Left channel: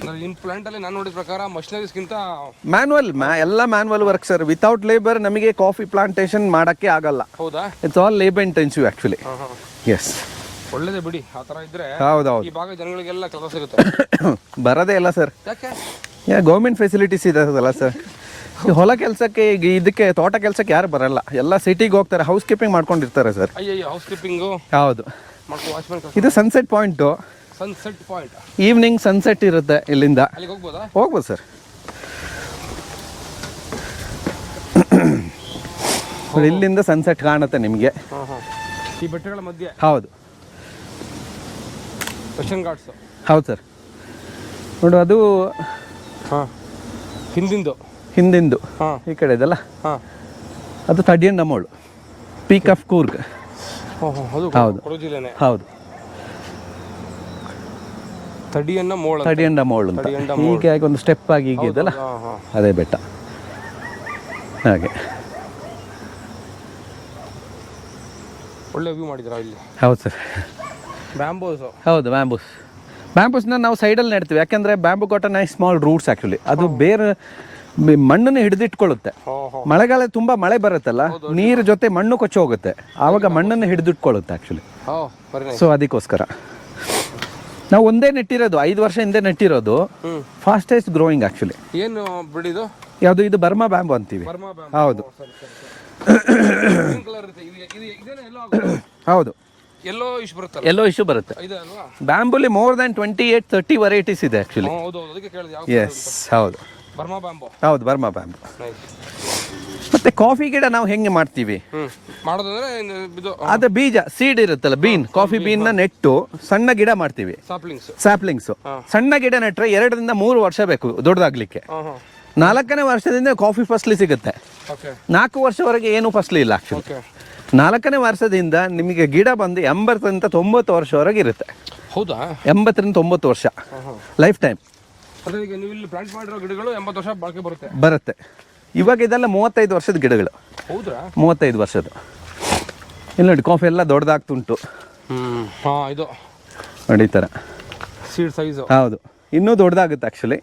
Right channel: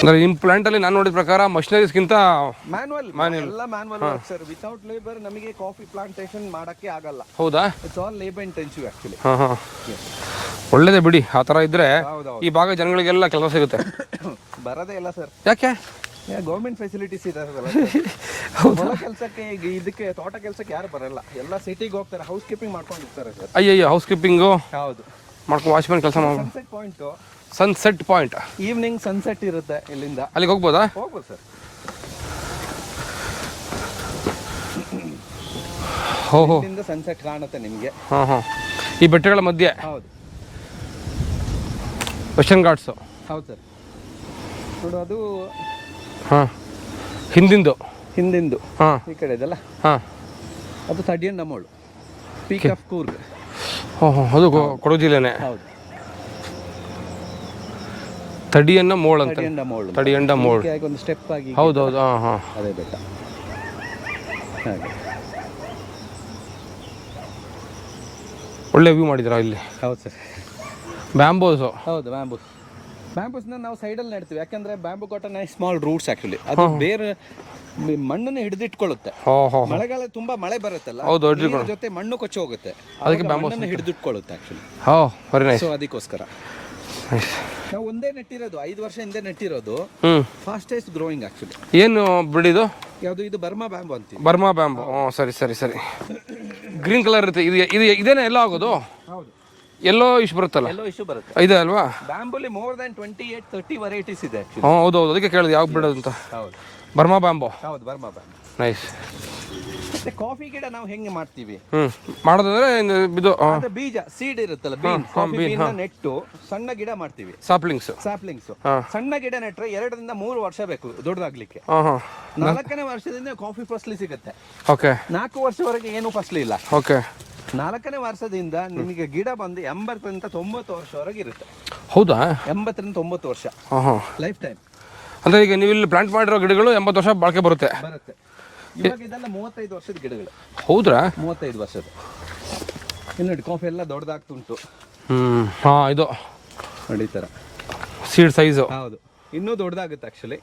ಅಂದ್ರೆ ನಿಮ್ಮ ಪ್ಲಾಂಟಲ್ಲಿ ನಾನು ನೋಡಿದ ಪ್ರಕಾರ ಮಷಿನರೀಸ್ಗಿಂತ ಮ್ಯಾನ್ಯಲ್ ಎಲ್ಲ manual work sir. Without labour ನಮಗೆ ಕಾಫಿ ಪ್ಲಾಂಟೇಶನ್ ಮಾಡಕ್ಕೆ ಆಗಲ್ಲ. ಹೌದಾ? It's all labour intensive actually. Yes, ಒಳ್ಳೇದೇ ಬಿಡಿ ಆ ಥರ ಇದ್ರೆ. ಹೌದೌದು, ಈ ಭಾಗ ಜನಗಳಿಗೆಲ್ಲ ಕೆಲಸ ಸಿಗುತ್ತೆ. ಬರೋದೇ ಇಲ್ಲ ಸರ್. ಯಾಕೆ? ಗೌರ್ಮೆಂಟ್ ಫೆಸಿಲಿಟೀಸ್ ಇದಲ್ಲ ಸರ್. ಹೊಲ ಕೆಲಸಕ್ಕೆ ಈಗ ಇದಕ್ಕೆ ತೋಟ ಕೆಲಸಕ್ಕೆ ಯಾರು ಬರಲ್ಲ, ಎಲ್ಲ ಸಿಟಿಗೆ ಹೋಗ್ತಾರೆ, ಹೌಸ್ ಕೀಪಿಂಗ್ ಮಾಡ್ಕೊಂಡಿರ್ತಾರೆ ಸರ್. ಅಯ್ಯಯ್ಯೋ, ಹೌಸ್ ಕೀಪಿಂಗು ಹೌದು, ಮಾಡ್ಕೊಂಡು ವಾಚ್ಮನ್ ಕೆಲಸ. ಇದು sunset point. Sunset point, evening sunset ಇರುತ್ತೆ ಇಲ್ಲಿಂದ. ಅಲ್ಲಿಗೆ ಹೋಗ್ಬೋದಾ? ಹೋಗ್ಬೋದು ಸರ್. ಇಲ್ಲಿಂದ ಸನ್ಸೆಟ್ ಕಾಣುತ್ತೆ ನಿಮಗೆ. ಈ ಬೆಟ್ಟಗಳ ಮಧ್ಯೆ. ಹೌದು, ವೆಸ್ಟರ್ನ್ ಘಾಟ್ಸು. ಹೌದು ಸರ್. ನೋಡು, ಅದು ಹಿಂದಿಂದು ಈ ಕಡೆ ಇದೆಲ್ಲ. ಅದು 30 ಅಮೋಳು, ಪೀಕ್ ಆಫ್ ಕೂರ್ಗ್. ಅದು ಕೊಡಗು ಜಿಲ್ಲೆನೇ. ಹೌದು, 30 ಮೋಳು. ಒಂದು ಸ್ಟೆಪ್ ಆಗಿ ಅದೇ ಬೆಟ್ಟ. ಹಾಗೆ ಒಳ್ಳೆ ವ್ಯೂ ಮಾಡಿದ್ರ ಇಲ್ಲಿ. ಹೌದು ಸರ್. ಬ್ಯಾಂಬೋಸು. ಹೌದು, ಬ್ಯಾಂಬೂಸ್ನ ನಾವು ಸೈಡಲ್ಲಿ ನೆಡ್ತೀವಿ. ಯಾಕೆಂದ್ರೆ bamboo cotton small roots actually. ಅದು ಬೇರೆ ಮಣ್ಣನ್ನು ಹಿಡಿದಿಟ್ಕೊಳ್ಳುತ್ತೆ. ಮಳೆಗಾಲ ತುಂಬಾ ಮಳೆ ಬರುತ್ತಲ್ಲ, ನೀರು ಜೊತೆ ಮಣ್ಣು ಕೊಚ್ಚಿ ಹೋಗುತ್ತೆ, ಆವಾಗ ಮಣ್ಣನ್ನು ಹಿಡಿದಿಟ್ಕೊಳ್ಳುತ್ತೆ ಆಕ್ಚುಲಿ. ಸೊ ಅದಕ್ಕೋಸ್ಕರ ನಾವು ಒಂದೇ ನೆಟ್ಟಿರೋದು, 5 ವರ್ಷ ಹಿಂದೆ ನೆಟ್ಟಿರೋದು. Fastest growing actually. ಏನು ಬಿಡಿದು? ಯಾವುದು? ಇದು ಬರ್ಮಾ ಬ್ಯಾಂಬು ಅಂತೀವಿ. Burma bamboo. ಸರಿ. ಗ್ರೀನ್ ಕಲರ್ ಇರುತ್ತೆ. ಇದೇನೇ ಎಲ್ಲ ಆಗೋದು? ಹೌದು. ಎಲ್ಲೋ ಇಶ್ಯೂ ಬರುತ್ತೆ. ಇದೆ ಅಲ್ವಾ? ಬ್ಯಾಂಬುಲಿ ಮೋರ್ ದನ್ 28-30 ವೆರೈಟೀಸ್ ಇದೆ ಆಕ್ಚುಲಿ. ಹೌದು, ಅದಕ್ಕೆ ಕೇಳಿದೆ ಯಾವ ಬಿಡೋದು ಅಂತ. ಹೌದು, ಬರ್ಮಾ ಬ್ಯಾಂಬು. ಹೌದು, ಬರ್ಮಾ ಬ್ಯಾಂಬು. ನೈಸ್. ಮತ್ತೆ ಕಾಫಿ ಗಿಡ ನಾವು ಹೆಂಗೆ ಮಾಡ್ತೀವಿ ಮಾಡೋದಂದ್ರೆ ಇದು ಅದ ಬೀಜ ಸೀಡ್ ಇರುತ್ತಲ್ಲ, ಬೀನ್, ಕಾಫಿ ಬೀನ್ ನ ನೆಟ್ಟು ಸಣ್ಣ ಗಿಡ ಮಾಡ್ತೀವಿ. ಸ್ಯಾಪ್ಲಿಂಗ್ಸ್. ಸಣ್ಣ ಗಿಡ ನೆಟ್ರೆ 2 ರಿಂದ 3 ವರ್ಷ ಬೇಕು ದೊಡ್ಡದಾಗ್ಲಿಕ್ಕೆ. 4ನೇ ವರ್ಷದಿಂದ ಕಾಫಿ ಫಸ್ಲಿ ಸಿಗುತ್ತೆ. 4 ವರ್ಷವರೆಗೆ ಏನು ಫಸ್ಲಿ ಇಲ್ಲ. 4ನೇ ವರ್ಷದಿಂದ ನಿಮಗೆ ಗಿಡ ಬಂದು 80ರಿಂದ 90 ವರ್ಷವರೆಗೆ ಇರುತ್ತೆ. ಹೌದಾ? 80ರಿಂದ 90 ವರ್ಷ ಲೈಫ್ ಟೈಮ್. ಅಂದ್ರೆ ಈಗ ನೀವು ಇಲ್ಲಿ ಪ್ಲಾಂಟ್ ಮಾಡಿರೋ ಗಿಡಗಳು 80 ವರ್ಷ ಬಾಳಿಕೆ ಬರುತ್ತೆ. ಇವಾಗ ಇದೆಲ್ಲ 35 ವರ್ಷದ ಗಿಡಗಳು. ಹೌದ್ರಾ? 35 ವರ್ಷದ. ಇಲ್ಲಿ ನೋಡಿ, ಕಾಫಿ ಎಲ್ಲ ದೊಡ್ಡದಾಗ್ತುಂಟು. ಇದು ನೋಡಿ ಈ ಥರ ಸೀಡ್ ಸೈಜು. ಹೌದು, ಇನ್ನೂ ದೊಡ್ಡದಾಗುತ್ತೆ ಆ್ಯಕ್ಚುಲಿ.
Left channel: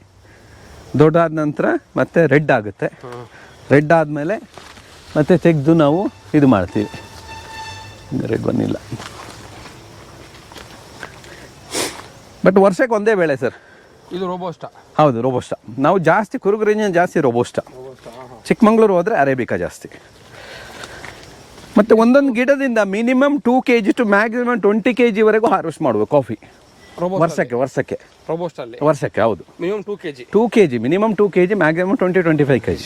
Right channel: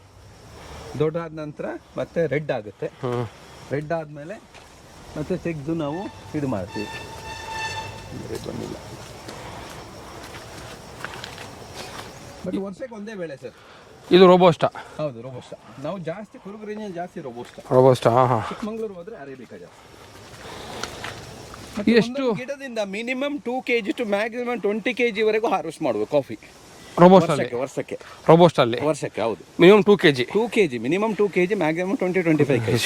ದೊಡ್ಡದಾದ ನಂತರ ಮತ್ತೆ ರೆಡ್ ಆಗುತ್ತೆ. ರೆಡ್ ಆದಮೇಲೆ ಮತ್ತೆ ತೆಗೆದು ನಾವು ಇದು ಮಾಡ್ತೀವಿ. ರೆಡ್ ಬಂದಿಲ್ಲ, ಬಟ್ ವರ್ಷಕ್ಕೆ ಒಂದೇ ಬೆಳೆ ಸರ್. ಇದು ರೋಬೋಸ್ಟಾ? ಹೌದು, ರೋಬೋಸ್ಟಾ. ನಾವು ಜಾಸ್ತಿ ಕುರುಗು ರೇಂಜ್ ಜಾಸ್ತಿ ರೋಬೋಸ್ಟಾ. ಚಿಕ್ಕಮಗಳೂರು ಹೋದ್ರೆ ಅರೇಬಿಕಾ ಜಾಸ್ತಿ. ಮತ್ತೆ ಒಂದೊಂದು ಗಿಡದಿಂದ minimum 2 kg to maximum 20 kg ವರೆಗೂ ಹಾರ್ವೆಸ್ಟ್ ಮಾಡಬೇಕು ಕಾಫಿ ವರ್ಷಕ್ಕೆ. ರೋಬೋಸ್ಟಲ್ಲಿ ವರ್ಷಕ್ಕೆ. ಹೌದು, minimum 2 kg. Minimum 2 kg, maximum 20-25 kg.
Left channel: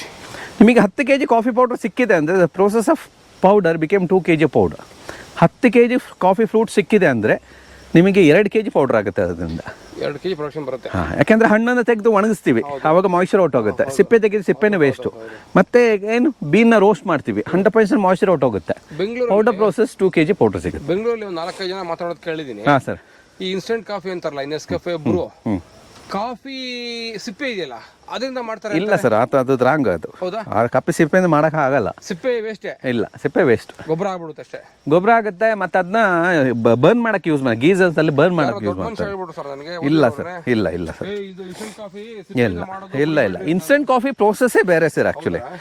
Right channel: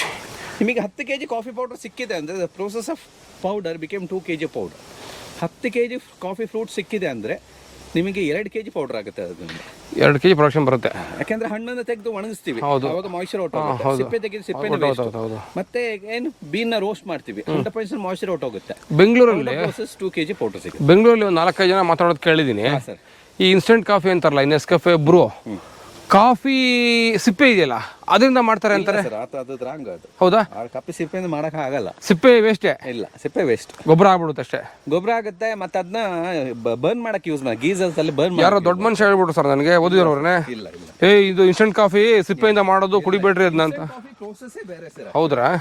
ನಿಮಗೆ 10 kg ಕಾಫಿ ಪೌಡರ್ ಸಿಕ್ಕಿದೆ ಅಂದರೆ the process of powder became 2 kg powder. 10 kg coffee fruit ಸಿಕ್ಕಿದೆ ಅಂದರೆ ನಿಮಗೆ 2 kg ಪೌಡರ್ ಆಗುತ್ತೆ. ಅದರಿಂದ 2 kg ಪ್ರೊಡಕ್ಷನ್ ಬರುತ್ತೆ. ಯಾಕೆಂದ್ರೆ ಹಣ್ಣನ್ನು ತೆಗೆದು ಒಣಗಿಸ್ತೀವಿ, ಅವಾಗ ಮಾಯಿಶ್ಚರ್ ಔಟ್ ಹೋಗುತ್ತೆ. ಸಿಪ್ಪೆ ತೆಗೆದು ಸಿಪ್ಪೆನ ವೇಸ್ಟ್. ಮತ್ತೆ ಏನು ಬೀನ್ನ ರೋಸ್ಟ್ ಮಾಡ್ತೀವಿ, 100% ಮಾಯಿಶ್ಚರ್ ಔಟ್ ಹೋಗುತ್ತೆ. Bengaluru powder process 2 kg powder ಸಿಗುತ್ತೆ. ಬೆಂಗಳೂರಲ್ಲಿ ಒಂದು 4-5 ಜನ ಮಾತಾಡೋದು ಕೇಳಿದ್ದೀನಿ. ಸರ್, ಈ ಇನ್ಸ್ಟೆಂಟ್ ಕಾಫಿ ಅಂತಾರಲ್ಲ, ನೆಸ್ಕೆಫೆ, ಬ್ರೂ ಕಾಫಿ ಸಿಪ್ಪೆ ಇದೆಯಲ್ಲ ಅದರಿಂದ ಮಾಡ್ತಾರೆ ಅಂತ ಸರ್. ಅದು ರಾಂಗ್. ಅದು ಹೌದಾ? ಕಪ್ಪಿ ಸಿಪ್ಪೆಯಿಂದ ಮಾಡಕ್ ಆಗಲ್ಲ. ಸಿಪ್ಪೆ ವೇಸ್ಟೇ? ಇಲ್ಲ, ಸಿಪ್ಪೆ ವೇಸ್ಟ್. ಗೊಬ್ಬರ ಆಗ್ಬಿಡುತ್ತೆ ಅಷ್ಟೇ. ಗೊಬ್ಬರ ಆಗುತ್ತೆ. ಮತ್ತೆ ಅದನ್ನ ಬರ್ನ್ ಮಾಡಕ್ ಯೂಸ್ ಮಾಡಿ, ಗೀಸರ್ಸ್ ಅಲ್ಲಿ ಬರ್ನ್ ಮಾಡಿ. ಯಾರೋ ದೊಡ್ಡ ಮನುಷ್ಯ ಹೇಳ್ಬಿಟ್ರು ಸರ್ ನನಗೆ, ಓದಿರೋರ್ನೆ. ಇಲ್ಲ ಇದು ಇನ್ಸ್ಟೆಂಟ್ ಕಾಫಿ ಸಿಪ್ಪೆಯಿಂದ ಮಾಡೋದು ಕುಡಿಬೇಡ್ರಿ. ಇನ್ಸ್ಟೆಂಟ್ ಕಾಫಿ ಪ್ರೋಸೆಸ್ಸೇ ಬೇರೆ ಸರ್. ಹೌದ್ರಾ?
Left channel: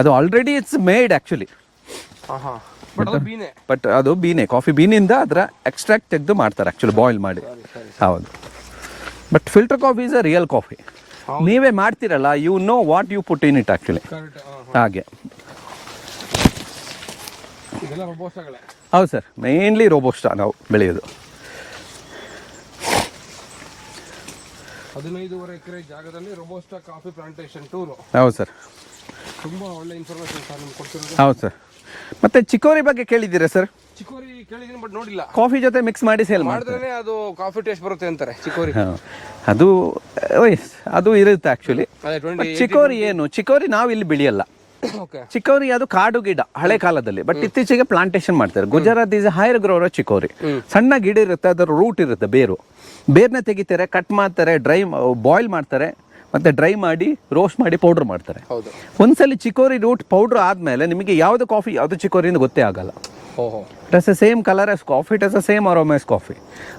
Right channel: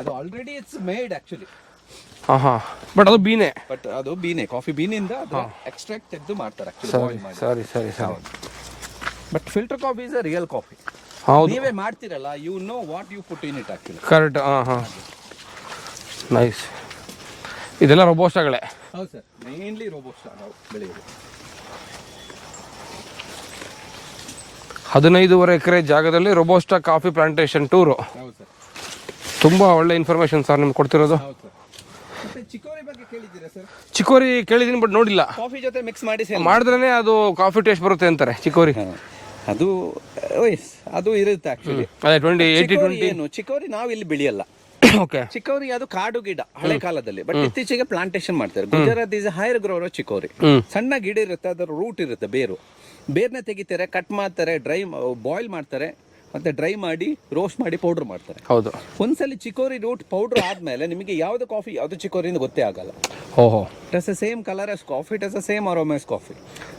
ಅದು already it's made actually. But ಅದು ಬೀನೆ. ಅದು ಬೀನೆ, ಕಾಫಿ ಬೀನಿಂದ ಅದರ ಎಕ್ಸ್ಟ್ರಾಕ್ಟ್ ತೆಗೆದು ಮಾಡ್ತಾರೆ ಆಕ್ಚುಲಿ, ಬಾಯ್ಲ್ ಮಾಡಿ. ಹೌದು. But filter coffee is a real coffee. ನೀವೇ ಮಾಡ್ತಿರಲ್ಲ, you know what you put in it actually. Correct. ಹಾಗೆ. ನೈಸ್. ಇದೆಲ್ಲ ರೋಬೋಸ್ಟಾಗಳೇ? ಹೌದು ಸರ್, ಮೇನ್ಲಿ ರೋಬೋಸ್ಟಾ ನಾವು ಬೆಳೆಯೋದು. 15.5 ಎಕರೆ ಜಾಗದಲ್ಲಿ ರೋಬೋಸ್ಟಾ ಕಾಫಿ ಪ್ಲಾಂಟೇಶನ್ ಟೂರು. ಹೌದು ಸರ್. ತುಂಬಾ ಒಳ್ಳೆ ಇನ್ಫಾರ್ಮೇಶನ್ ಸರ್ ನಿಮ್ಗೆ ಕೊಡ್ತಿರೋದು. ಹೌದು ಸರ್. ಮತ್ತೆ ಚಿಕೋರಿ ಬಗ್ಗೆ ಕೇಳಿದ್ದೀರಾ ಸರ್? ಚಿಕೋರಿ ಕೇಳಿದ್ದೀನಿ, ಬಟ್ ನೋಡಿಲ್ಲ. ಕಾಫಿ ಜೊತೆ ಮಿಕ್ಸ್ ಮಾಡಿ ಸೇಲ್ ಮಾಡಿದ್ರೇನೆ ಅದು ಕಾಫಿ ಟೇಸ್ಟ್ ಬರುತ್ತೆ ಅಂತಾರೆ ಚಿಕೋರಿ. ಅದು ಇರುತ್ತೆ ಆಕ್ಚುಲಿ. ಚಿಕೋರಿ ಏನು, ಚಿಕೋರಿ ನಾವು ಇಲ್ಲಿ ಬೆಳೆಯಲ್ಲ. ಚಿಕೋರಿ ಅದು ಕಾಡು ಗಿಡ ಹಳೆ ಕಾಲದಲ್ಲಿ, ಬಟ್ ಇತ್ತೀಚೆಗೆ ಪ್ಲಾಂಟೇಶನ್ ಮಾಡ್ತಾರೆ. Gujarat is higher grower chicory. ಸಣ್ಣ ಗಿಡ ಇರುತ್ತೆ, ಅದರ ರೂಟ್ ಇರುತ್ತೆ, ಬೇರ್ನ ತೆಗಿತಾರೆ, ಕಟ್ ಮಾಡ್ತಾರೆ, ಡ್ರೈ ಬಾಯ್ಲ್ ಮಾಡ್ತಾರೆ, ಮತ್ತೆ ಡ್ರೈ ಮಾಡಿ ರೋಸ್ಟ್ ಮಾಡಿ ಪೌಡರ್ ಮಾಡ್ತಾರೆ. ಹೌದು. ಒಂದ್ಸಲಿ ಚಿಕೋರಿ ರೂಟ್ ಪೌಡರ್ ಆದ್ಮೇಲೆ ನಿಮಗೆ ಯಾವ್ದು ಕಾಫಿ ಯಾವ್ದು ಚಿಕೋರಿ ಅಂತ ಗೊತ್ತೇ ಆಗಲ್ಲ. ಓಹೋ. It has the same colour as coffee, it has the same aroma as coffee.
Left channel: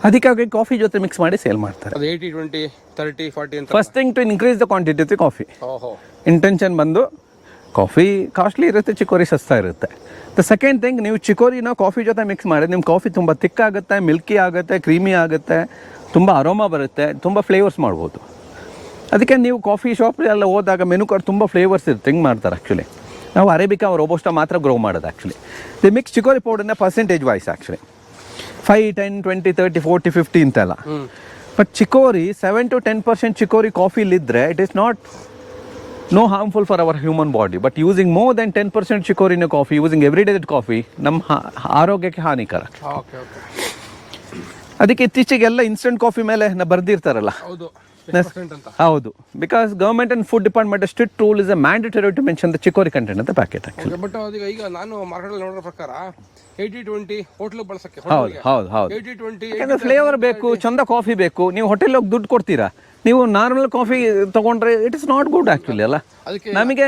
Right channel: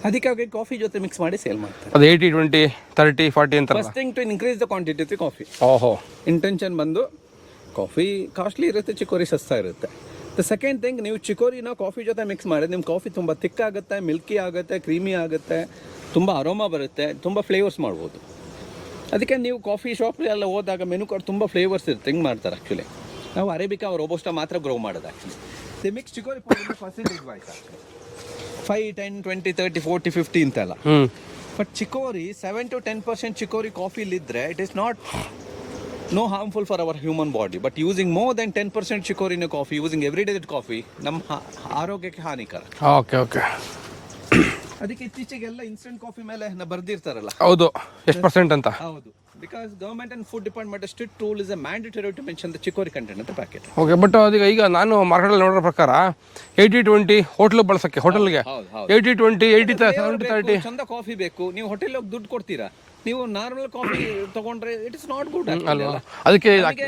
ಅದಕ್ಕಾಗಿ ಕಾಫಿ ಜೊತೆ ಮಿಕ್ಸ್ ಮಾಡಿ ಸೇಲ್ ಮಾಡ್ತಾರೆ. ಅದು 80 20 30 40 ಅಂತ. First thing to increase the quantity of the coffee. ಓಹೋ. ಇಂಟೆನ್ಷನ್ ಬಂದು ಕಾಫಿ ಕಾಸ್ಟ್ಲಿ ಇರುತ್ತೆ, ಚಿಕೋರಿ ಸಸ್ತಾ ಇರುತ್ತೆ. ದ ಸೆಕೆಂಡ್ ಥಿಂಗ್, ನೀವು ಚಿಕೋರಿನ ಕಾಫಿ ಜೊತೆ ಮಿಕ್ಸ್ ಮಾಡಿ ನಿಮ್ಮ ಕಾಫಿ ತುಂಬ ಥಿಕ್ ಆಗುತ್ತೆ, ಮಿಲ್ಕಿ ಆಗುತ್ತೆ, ಕ್ರೀಮಿ ಆಗುತ್ತೆ, ತುಂಬ ಅರೋಮಾ ಬರುತ್ತೆ, ತುಂಬ ಫ್ಲೇವರ್ಸ್ ಮಾಡ್ಬೋದು. ಅದಕ್ಕೆ ನೀವು ಕಾಫಿ ಶಾಪ್ ಎಲ್ಲ ಹೋದಾಗ ಮೆನು ಕಾರ್ಡ್ ತುಂಬ ಫ್ಲೇವರ್ಸ್ ಇರುತ್ತೆ, ಹಿಂಗೆ ಮಾಡ್ತಾರೆ. ಆ್ಯಕ್ಚುಲಿ ನಾವು ಅರೇಬಿಕಾ ರೋಬೋಸ್ಟಾ ಮಾತ್ರ ಗ್ರೋ ಮಾಡೋದು. ಆ್ಯಕ್ಚುಲಿ ದಿ ಮಿಕ್ಸ್ ಚಿಕೋರಿ ಪೌಡರ್ನ ಪರ್ಸೆಂಟೇಜ್ ವೈಸ್ ಆ್ಯಕ್ಚುಲಿ 5, 10, 20, 30, 40, 50 ಅಂತೆಲ್ಲ. ಬಟ್ ಚಿಕೋರಿ 7 to 10% ಚಿಕೋರಿ ಕಾಫಿಲಿದ್ದರೆ it is not no harmful for our human body, but using more than 10% chicory in a coffee, using everyday coffee, ನಮ್ಮ ಆರೋಗ್ಯಕ್ಕೆ ಹಾನಿಕರ. Okay okay. ಅದಕ್ಕೆ ಇತ್ತೀಚೆಗೆಲ್ಲ instant coffee ಮೇಲೆ ಬರ್ದಿರ್ತಾರಲ್ಲ. ಹೌದು, ಎಷ್ಟು percent ಅಂತ. ಹೌದು, because government and food department strict rule is a mandatory to mention the chicory content ಅಂತ ಪ್ಯಾಕೆಟ್. ಓಕೆ, ಬಟ್ ಅದೀಗ ಈಗ ನಾನು ಮಾರ್ಕೆಟಲ್ಲಿ ನೋಡೋ ಪ್ರಕಾರ 80-20 ಹೋಟ್ಲು ಬಳಸಕ್ಕೆ, ಹೋಟೆಲ್ಗೆ 80-20 80 ಫ್ಲೇವರ್ ಬೇಕು, ಚಂದ ಕಾಫಿ ಬೇಕು. ನೀವು ಹೋಟೆಲ್ ಹೋಗಿ ದುಡ್ಡು ಕೊಡ್ತೀರಾ, ನೀವು ನಾರ್ಮಲ್ ಕಾಫಿ ತಗೊಂಡ್ರೆ it is not good actually ಅಲ್ಲ. ಅದಕ್ಕೆ ನಮಗೆ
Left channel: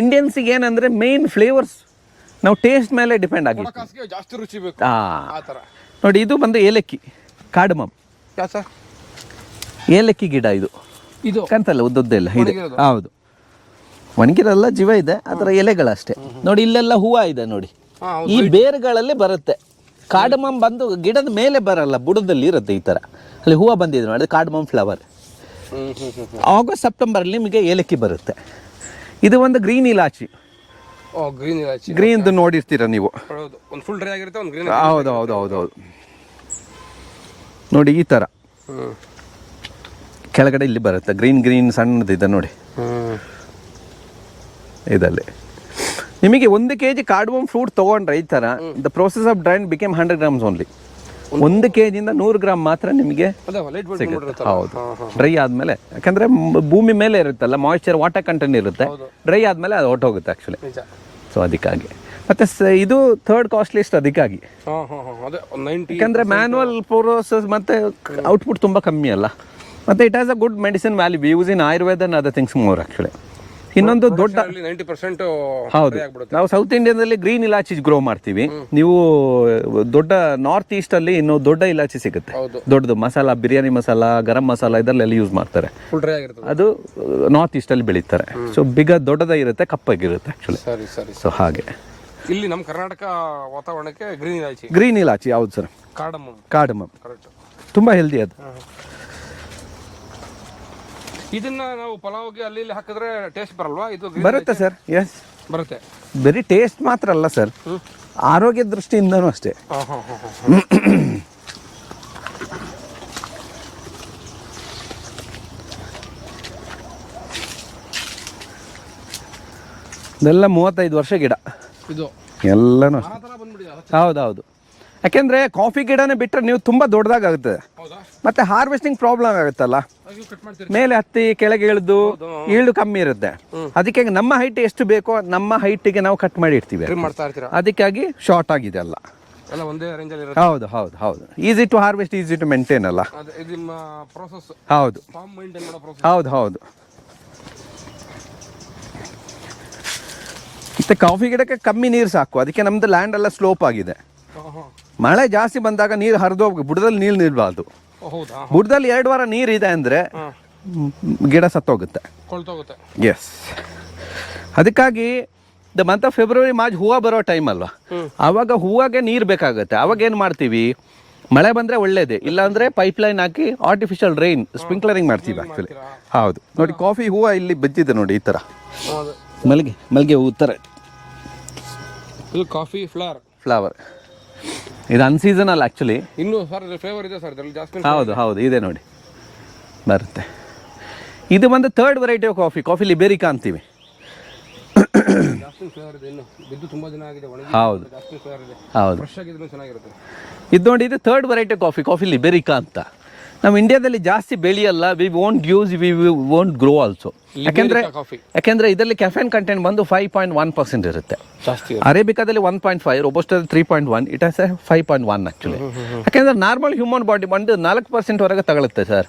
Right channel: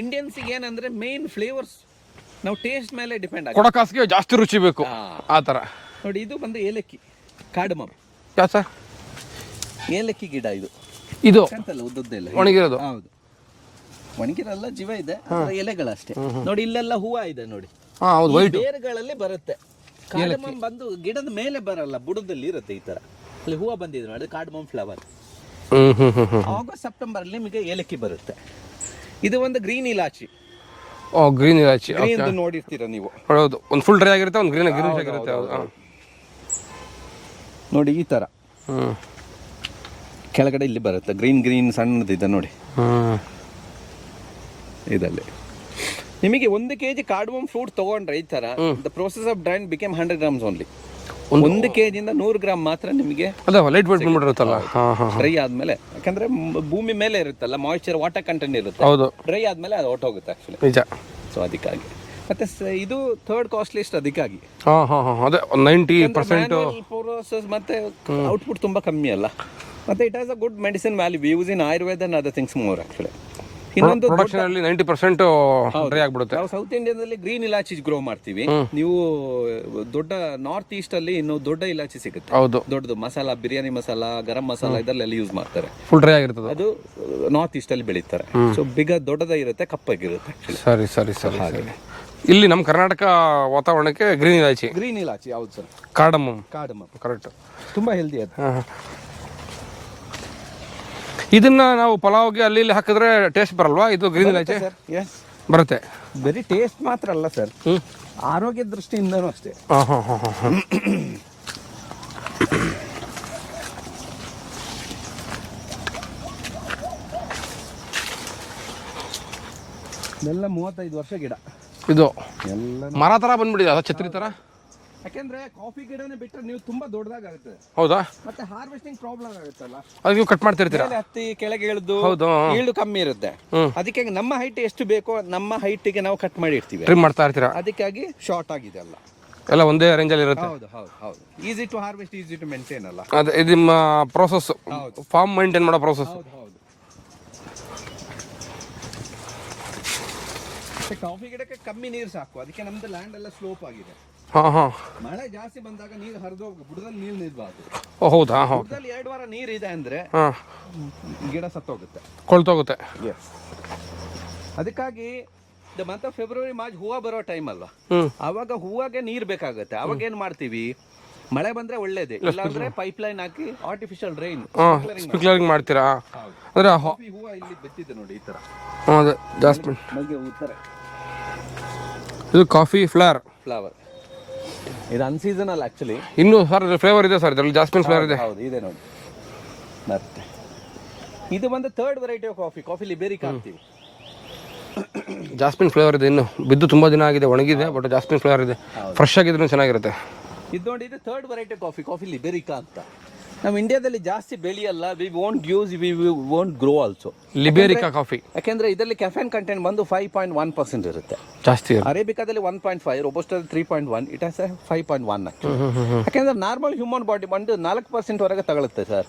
ಇಂಡಿಯನ್ಸಿಗೆ ಏನಂದ್ರೆ ಮೇನ್ ಫ್ಲೇವರ್ಸ್ ನಾವು ಟೇಸ್ಟ್ ಮೇಲೆ ಡಿಪೆಂಡ್ ಆಗಿ ಕೊಡಕಾಸಿಗೆ ಜಾಸ್ತಿ ರುಚಿ ಬೇಕು ಆ ಥರ. ನೋಡಿ, ಇದು ಬಂದು ಏಲಕ್ಕಿ ಕಾರ್ಡಮಮ್. ಯಾ ಸರ್? ಏಲಕ್ಕಿ ಗಿಡ ಇದು ಕಂತಲ್ಲ, ಉದ್ದುದ್ದ ಇಲ್ಲ. ಹೌದು, ಒಣಗಿರಲ್ಲ, ಜೀವ ಇದೆ, ಅದರ ಎಲೆಗಳಷ್ಟೇ. ನೋಡಿ, ಇಲ್ಲೆಲ್ಲ ಹೂವು ಇದೆ ನೋಡಿ, ಈ ಬೇರುಗಳಲ್ಲಿ ಬರುತ್ತೆ. ಕಾರ್ಡಮಮ್ ಬಂದು ಗಿಡದ ಮೇಲೆ ಬರಲ್ಲ, ಬುಡದಲ್ಲಿ ಇರುತ್ತೆ ಈ ತರ. ಅಲ್ಲಿ ಹೂವು ಬಂದಿದೆ ನೋಡಿ, ಅದು ಕಾರ್ಡಮಮ್ ಫ್ಲವರ್. ಆಗಸ್ಟ್ ಸೆಪ್ಟೆಂಬರ್ ಅಲ್ಲಿ ನಿಮಗೆ ಏಲಕ್ಕಿ ಬರುತ್ತೆ. ಇದು ಒಂದು ಗ್ರೀನ್ ಇಲಾಚಿ. ಗ್ರೀನ್ ಇಲಾಚಿ, ಗ್ರೀನ್ ನೋಡಿರ್ತೀರ ನೀವು. ಹೌದು, ಒಂದು ಫುಲ್ ಡ್ರೈ ಆಗಿರುತ್ತೆ, ಒಂದು ಗ್ರೀನ್. ಹೌದು ಹೌದು ಹೌದು ಹೌದು. ನೋಡಿ, ಈ ತರ ಕೆಳಗಡೆ ಇಲ್ಲಿ ಬರುತ್ತೆ ಗ್ರೀನ್ ಸಣ್ಣದಿದೆ ನೋಡಿ ಇದಲ್ಲಿ. ನಿಮಗೆ 1 kg ಕಾರ್ಡಮಮ್ ಫ್ರೂಟ್ ತಗೊಂಡ್ರೆ ಈ ತರ the process of drain became 100 grams only. 1 kg ಇಂದ 100 ಗ್ರಾಮ್ ಮಾತ್ರ ನಿಮಗೆ ಡ್ರೈ ಆದ್ಮೇಲೆ. ಯಾಕಂದ್ರೆ ಭೂಮಿ ಮೇಲೆ ಇರುತ್ತಲ್ಲ, ಮಾಯಿಶ್ಚರ್ ವಾಟರ್ ಕಂಟೆಂಟ್ ಇರುತ್ತೆ. ಡ್ರೈ ಆದ್ಮೇಲೆ ಅದು ಹೊರಟೋಗುತ್ತೆ ಆಕ್ಚುಲಿ. ನಿಜ. ಸೊ ಅದಕ್ಕಾಗಿ ಮತ್ತೆ ಇದು ಥರ್ಡ್ ಕಾಸ್ಟ್ಲಿಸ್ಟ್. ಅದಕ್ಕಾಗಿ ಯಾಕಂದ್ರೆ ಮ್ಯಾನ್ಯುವಲ್ ಪ್ರೋಸೆಸ್ ಮತ್ತೆ ಔಟ್ಪುಟ್ ತುಂಬಾ ಕಮ್ಮಿ ಅಲ್ಲ. ಮತ್ತೆ it has a good medicine value use in Ayurveda and other things more actually. ಇನ್ನೊಂದು ದೊಡ್ಡ 90% ಆಗ್ಬಿಡುತ್ತೆ. ನಾವು ಸೌತ್ ಇಂಡಿಯಾದಲ್ಲಿ ಗ್ರೀನ್ ಇಲಾಚಿ ಗ್ರೋ ಮಾಡ್ತೀವಿ. ನೀವು ದೊಡ್ಡ ನಾರ್ತ್ ಈಸ್ಟ್ ಅಲ್ಲಿ ಇನ್ನೂ ದೊಡ್ಡ ಇಲಾಚಿ ಸಿಗುತ್ತೆ, ದೊಡ್ಡದು ಮಸಾಲಾ, ಬಿರಿಯಾನಿ ಮಸಾಲಾ, ಗರಂ ಮಸಾಲಾ ಇದರಲ್ಲೆಲ್ಲ ಯೂಸ್ ಮಾಡ್ತಾರೆ. ಫುಲ್ ಡ್ರೈ ಆಗಿರ್ತದೆ, ಅದು ನಾರ್ತ್ ಈಸ್ಟ್ ಅಲ್ಲಿ ಬೆಳೀತಾರೆ. ಸೊ ದೊಡ್ಡದಾಗಿರುತ್ತೆ, ಕಪ್ಪಾಗಿರುತ್ತೆ ಆಕ್ಚುಲಿ. ಸರಿ. ಹಾಗೆ ಇಲ್ಲಿ ನಮ್ಮ ಕರ್ನಾಟಕ ವಾತಾವರಣಕ್ಕೆ ಗ್ರೀನ್ ಇಲಾಚಿ ಯಾವ್ದು ಸರ್? Cardamom correct. ತುಂಬಾ ಹೆಲ್ದಿ ಅದು. ಇದನ್ನ ನಾವು ಪಲಾವ್ಗೆ ಅಲ್ಲಿ ಇಲ್ಲಿ ಹಾಕಿದ್ರೆ ಟೇಸ್ಟ್ ಬರಲ್ವಾ? ಇದು ಬರುತ್ತೆ ಸರ್. ಎಸ್, ಬರುತ್ತೆ. ಬರೀ ಟೇಸ್ಟ್ ಮಾತ್ರ ಅಲ್ಲ ಸರ್, ಆರೋಗ್ಯ ದೃಷ್ಟಿಯಿಂದನೂ ಅಷ್ಟೇ. ಇದೆಲ್ಲ 35 ವರ್ಷ ಗಿಡ. ಇದು ಎಲ್ಲ ಮರ ತರ ಬಂದ್ಬಿಟ್ಟಿದೆ. ಹೌದೌದು. ಯಾಕೆಂದ್ರೆ ಕಾಫಿ ಗಿಡನೇ ಬಿಟ್ಟರೆ ನೀವು ತುಂಬಾ ದೊಡ್ಡದಾಗುತ್ತೆ. ಹೌದಾ? ಮತ್ತೆ ಹಾರ್ವೆಸ್ಟಿಂಗ್ ಪ್ರಾಬ್ಲಮ್ ಆಗುತ್ತಲ್ಲ, ಅದಕ್ಕೆ ಕಟ್ ಮಾಡ್ತೀರಿ, ಮೇಲೆ ಹತ್ತಿ ಕೆಳಗೆ ಇಳಿದು ಈಲ್ಡ್ ಕಮ್ಮಿ ಇರುತ್ತೆ. ಅದಕ್ಕೆ ನಮ್ಮ ಹೈಟ್ ಎಷ್ಟು ಬೇಕೋ ನಮ್ಮ ಹೈಟ್ಗೆ ನಾವು ಕಟ್ ಮಾಡಿ ಇಡ್ತೀವಿ, ಟ್ರಿಮ್ ಮಾಡ್ತಾ ಇರ್ತೀರಾ. ಅದಕ್ಕಾಗಿ ಶಾರ್ಟ್ ಆಗಿದೆ ಎಲ್ಲ ಒಂದೇ ರೇಂಜ್ ಅಲ್ಲಿ ಇರುತ್ತೆ. ಹೌದು. Easy to harvest, easy to maintain ಅಲ್ಲ. ಇದು ನಿಮ್ಮ ಪ್ರೋಸೆಸ್. ಹೌದು, ಫಾರ್ಮ್ ಮೇಂಟೈನ್ ಮಾಡೋ ಪ್ರೋಸೆಸ್. ಹೌದು. ಮತ್ತೆ ಕಾಫಿ ಗಿಡಕ್ಕೆ ಕಮ್ಮಿ ನೀರು ಸಾಕು. ಅದಕ್ಕೆ ನಮ್ದು ಲ್ಯಾಂಡ್ ಎಲ್ಲ ಸ್ಲೋಪ್ ಆಗಿದೆ. ಮಳೆ ಜಾಸ್ತಿ ಬಂದಾಗ ನೀರು ಹರಿದೋಗಿ ಬುಡದಲ್ಲಿ ನೀರು ನಿಲ್ಬಾರ್ದು. ಹೌದಾ? ಬುಡದಲ್ಲಿ 2 ವಾರ ನೀರು ಇದೆ ಅಂದ್ರೆ ಗಿಡ ಸತ್ತೋಗುತ್ತೆ, ಕೊಳ್ತೋಗುತ್ತೆ. ಎಸ್. ಅದಕ್ಕಾಗಿ the month of February March ಹೂವು ಬರೋ ಟೈಮ್ ಅಲ್ವಾ, ಅವಾಗ ಹೂವಾಗೆ ನೀರು ಬೇಕಾಗುತ್ತೆ. ಅವಾಗ ಏನ್ ಮಾಡ್ತೀವಿ, ಮಳೆ ಬಂದ್ರೆ ಒಳ್ಳೇದೇ, ಇಲ್ಲ ಅಂದ್ರೆ ಪೈಪ್ ಲೈನ್ ಹಾಕಿ ಆರ್ಟಿಫಿಷಿಯಲ್ ರೈನ್ ಸ್ಪ್ರಿಂಕ್ಲರಿಂಗ್ ಮಾಡ್ತೀರಾ. ಹೌದು. ಕಾಫಿ ಹೂವು ಇಲ್ಲಿ ಬಿದ್ದಿದೆ ನೋಡಿ, ಈ ತರ ಮಲ್ಗೆ ಹೂ ತರ. ಇದು ಕಾಫಿ ಫ್ಲವರ್. ಇದು ಅನ್ಸೀಸನಲ್ ಆಕ್ಚುಲಿ. ಇನ್ನು ಸರ್ ಫ್ಲೇವರ್ ಇದೆ ಸರ್, ಇದರಲ್ಲಿ ಜಾಸ್ಮಿನ್ ಫ್ಲೇವರ್ ಇದೆ. ಹೌದು, ಇದೆ ನೋಡಿ, ಬರುತ್ತೆ. ಇದು ಬಂದು third variety of coffee liberica ಅಂತೀವಿ. ಜಾಸ್ಮಿನ್ ಫ್ಲೇವರ್ ಇದೆ. ಇನ್ನು ಬಿದ್ದು ತುಂಬಾ ದಿನ ಆಗಿದೆ, ಒಣಗಿದೆ, ಬಟ್ ಜಾಸ್ಮಿನ್ ಫ್ಲೇವರ್ ಇದೆ. ಫ್ರೆಶ್ ಆಗಿದ್ರು ಚೆನ್ನಾಗಿರುತ್ತೆ. ಇದು ನೋಡಿ, ಇದು ಥರ್ಡ್ ವೆರೈಟಿ ಕಾಫಿ ಲಿಬೇರಿಕಾ ಅಂತ. ನಾವು ಇಂಡಿಯಾದಲ್ಲಿ ಜಾಸ್ತಿ ಬೆಳೆಯಲ್ಲ, we won't use, we won't grow also. Liberica coffee ಯಾಕೆಂದ್ರೆ ಇದರಲ್ಲಿ ಕೆಫೆನ್ ಕಂಟೆಂಟ್ ಬಂದು 5.1% ಇರುತ್ತೆ. ಜಾಸ್ತಿ. ಅರೇಬಿಕಾದಲ್ಲಿ 1.5, ರೋಬಸ್ಟಾದಲ್ಲಿ 3.1, ಇಟ್ ಹ್ಯಾಸ್ 5.1 ಆಕ್ಚುಲಿ. ಯಾಕೆಂದ್ರೆ ನಾರ್ಮಲ್ ಹ್ಯೂಮನ್ ಬಾಡಿ ಬಂದು 4% ವರೆಗೆ ತಗೊಳುತ್ತೆ sir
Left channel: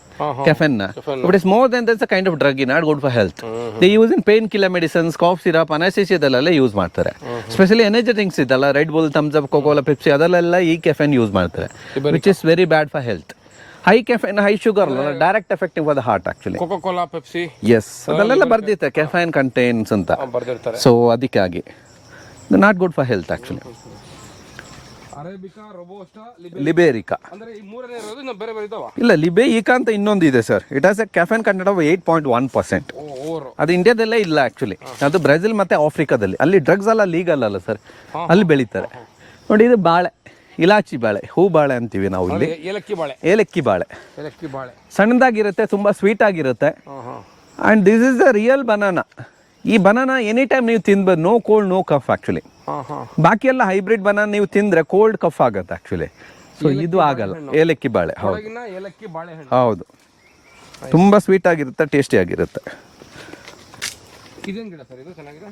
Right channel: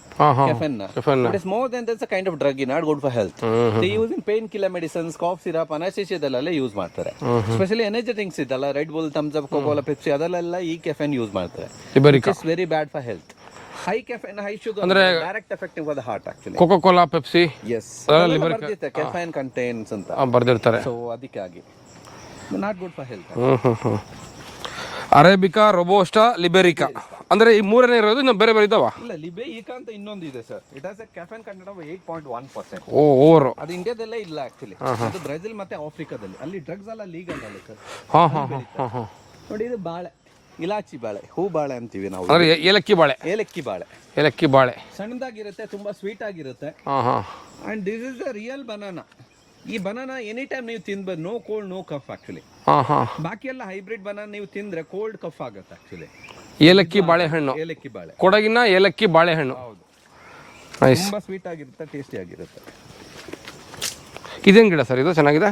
caffeine. But it's more than that's a kind of drug, not good for health. They use in painkiller medicines, cough syrup, ಅನಸ್ತೇಸಿಯಾದಲ್ಲೆಲ್ಲ ಯೂಸ್ ಮಾಡ್ತಾರೆ. ಸ್ಪೆಷಲಿ ಎನರ್ಜಿ ಡ್ರಿಂಕ್ಸ್ ಇದಲ್ಲ, Red bull, thumbs Up, Coca Cola, Pepsi, ಅದಲ್ಲೆಲ್ಲ ಈ caffeine use ಮಾಡ್ತಾರೆ, which is very bad for health. High caffeine, high sugar, direct effective for the heart actually. Coca Cola, Pepsi, yes, ಅದೆಲ್ಲ ಬರ್ದಿರುತ್ತೆ caffeine contains ಅಂತ ಬರ್ದಿರ್ತಾರೆ. So ಅದಕ್ಕಾಗಿ not good for health actually. Arabica, robusta, liberica ಅಂದ್ರೆ ಈ ಮೂರನೇ ಇರೋದು. ಇನ್ನು ಬೇರೆ ಬೇರೆ ಇದಾವ? ಇಲ್ಲ, ಲಿಬೇಯಿಕಾ ಅಂತ ಇನ್ನೊಂದು ಇದೆ sir. It has a caffeine content of 8.1%. Over. ಅದು ಇಂಡಿಯಾದಲ್ಲೇ ಇಲ್ಲ ಆಕ್ಚುಲಿ, ಅದು ಬ್ರೆಜಿಲ್ ಮತ್ತೆ ಆಫ್ರಿಕಾದಲ್ಲಿ. ಅಲ್ಲಿ ಡ್ರಗ್ಸ್ ಎಲ್ಲ ಲೀಗಲ್ ಅಲ್ಲ ಸರ್, ಅಲ್ಲಿ ಬೆಳೀತಾರೆ. ನೋಡಿ, ಇದು ಬಾಳೆ, ಇಲಾಚಿ ಬಾಳೆ, ಹೂ ಬಾಳೆ ಅಂತೀವಿ ನಾವು. ಏಲಕ್ಕಿ ಬಾಳೆ. ಏಲಕ್ಕಿ ಬಾಳೆ, ಏಲಕ್ಕಿ ಬಾಳೆ ಸಣ್ಣದಾಗಿರುತ್ತೆ, ತುಂಬಾ ಸ್ವೀಟ್ ಆಗಿರುತ್ತೆ. And this is the real banana. ಈ ಬನಾನಾ ಎನಿ ಟೈಮ್ ನೀವು ತಿನ್ಬೋದು, no cold no cough actually. ಬಾಕಿ ಎಲ್ಲ ಹೈಬ್ರಿಡ್ ಬನಾನಾ ನೀವು ತಿಂದ್ರೆ ಕೋಲ್ಡ್ ಕಫ್ ಆಗುತ್ತೆ ಆಕ್ಚುಲಿ. ಏಲಕ್ಕಿ ಬಾಳೆಹಣ್ಣು, ಏಲಕ್ಕಿ ಬಾಳೆ, ಕೊಡಗಿನ ಏಲಕ್ಕಿ ಬಾಳೆಹಣ್ಣು. ಹೌದು, ತುಂಬಾ ಸ್ವೀಟ್ ಆಗಿರುತ್ತೆ, ಟೇಸ್ಟಿ ಆಗಿರುತ್ತೆ. ಇದೇನ್ ಗಿಡ ಸರ್ ಇದು? ಚೆನ್ನಾಗಿದೆ.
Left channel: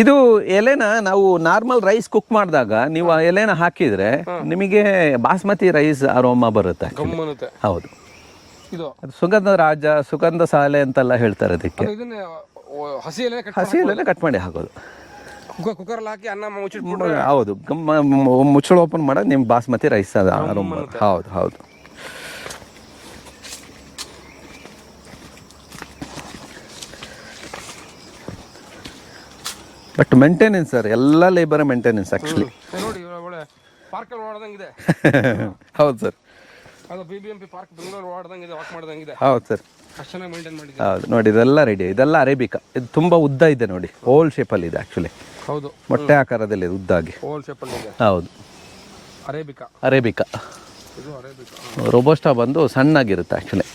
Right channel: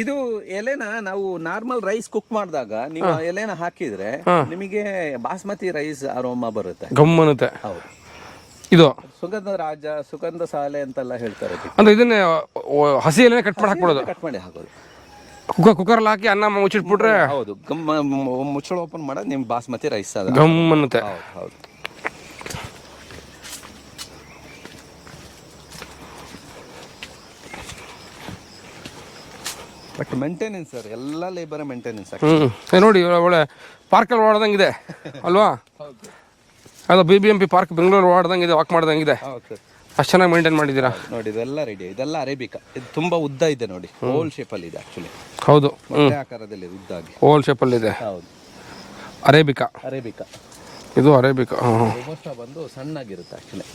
ಇದು ಎಲೆನ ನಾವು ನಾರ್ಮಲ್ ರೈಸ್ ಕುಕ್ ಮಾಡಿದಾಗ ನೀವು ಆ ಎಲೆನ ಹಾಕಿದ್ರೆ ನಿಮಗೆ ಬಾಸ್ಮತಿ ರೈಸ್ ಅರೋಮಾ ಬರುತ್ತೆ, ಗಮ್ಮನುತ್ತೆ. ಹೌದು, ಇದು ಸುಗಂಧ ರಾಜ, ಸುಗಂಧ ಸಾಲೆ ಅಂತೆಲ್ಲ ಹೇಳ್ತಾರೆ. ಅಂದ್ರೆ ಇದನ್ನ ಹಸಿ ಎಲೆ ಕಟ್ ಮಾಡಿ ಹಾಕೋದು, ಕುಕ್ಕರ್ ಹಾಕಿ ಅನ್ನ ಮುಚ್ಚಿಟ್ಬಿಟ್ರೆ. ಹೌದು, ಮುಚ್ಚಳ ಓಪನ್ ಮಾಡೋದು ನಿಮ್ ಬಾಸ್ಮತಿ ರೈಸ್. ಗಮ್ಮನುತ್ತೆ. ಹೌದು ಹೌದು. ಬಟ್ ಮೇಂಟೆನೆನ್ಸ್ ಸರ್, ಎಲ್ಲ ಲೇಬರ್ ಮೇಂಟೆನೆನ್ಸ್ ಆಕ್ಚುಲಿ. ನೋಡಿ, ಒಳ್ಳೆ ಪಾರ್ಕಲ್ಲಿ ಓಡಾಡ್ದಂಗಿದೆ ಅಲ್ವಾ? ಹೌದು ಸರ್, ಅದು BBMP ಪಾರ್ಕ್ ಬೆಂಗಳೂರು ಓಡಾಡ್ದಂಗಿದೆ, ವಾಕ್ ಮಾಡ್ದಂಗಿದೆ. ಹೌದು ಸರ್, ಅಷ್ಟು ಚೆನ್ನಾಗಿ ಮೇಂಟೈನ್ ಮಾಡಿದ್ದೀರಾ. ನೋಡಿ, ಇದೆಲ್ಲ ರೆಡಿ. ಇದೆಲ್ಲ ಅರೇಬಿಕಾ. ಇದು ತುಂಬಾ ಉದ್ದ ಇದೆ ನೋಡಿ, ಓಲ್ ಶೇಪಲ್ಲಿ ಇದೆ ಆಕ್ಚುಲಿ. ಹೌದು, ಮೊಟ್ಟೆ ಆಕಾರದಲ್ಲಿ ಇದೆ, ಉದ್ದಾಗಿ ಓಲ್ ಶೇಪಲ್ಲಿ ಇದೆ. ಹೌದು, ಅರೇಬಿಕಾ. ಅರೇಬಿಕಾ ಇದು ಅರೇಬಿಕಾ. ರೋಬೋಸ್ಟಾ ಬಂದು ಸಣ್ಣಾಗಿರುತ್ತೆ ಆಕ್ಚುಲಿ.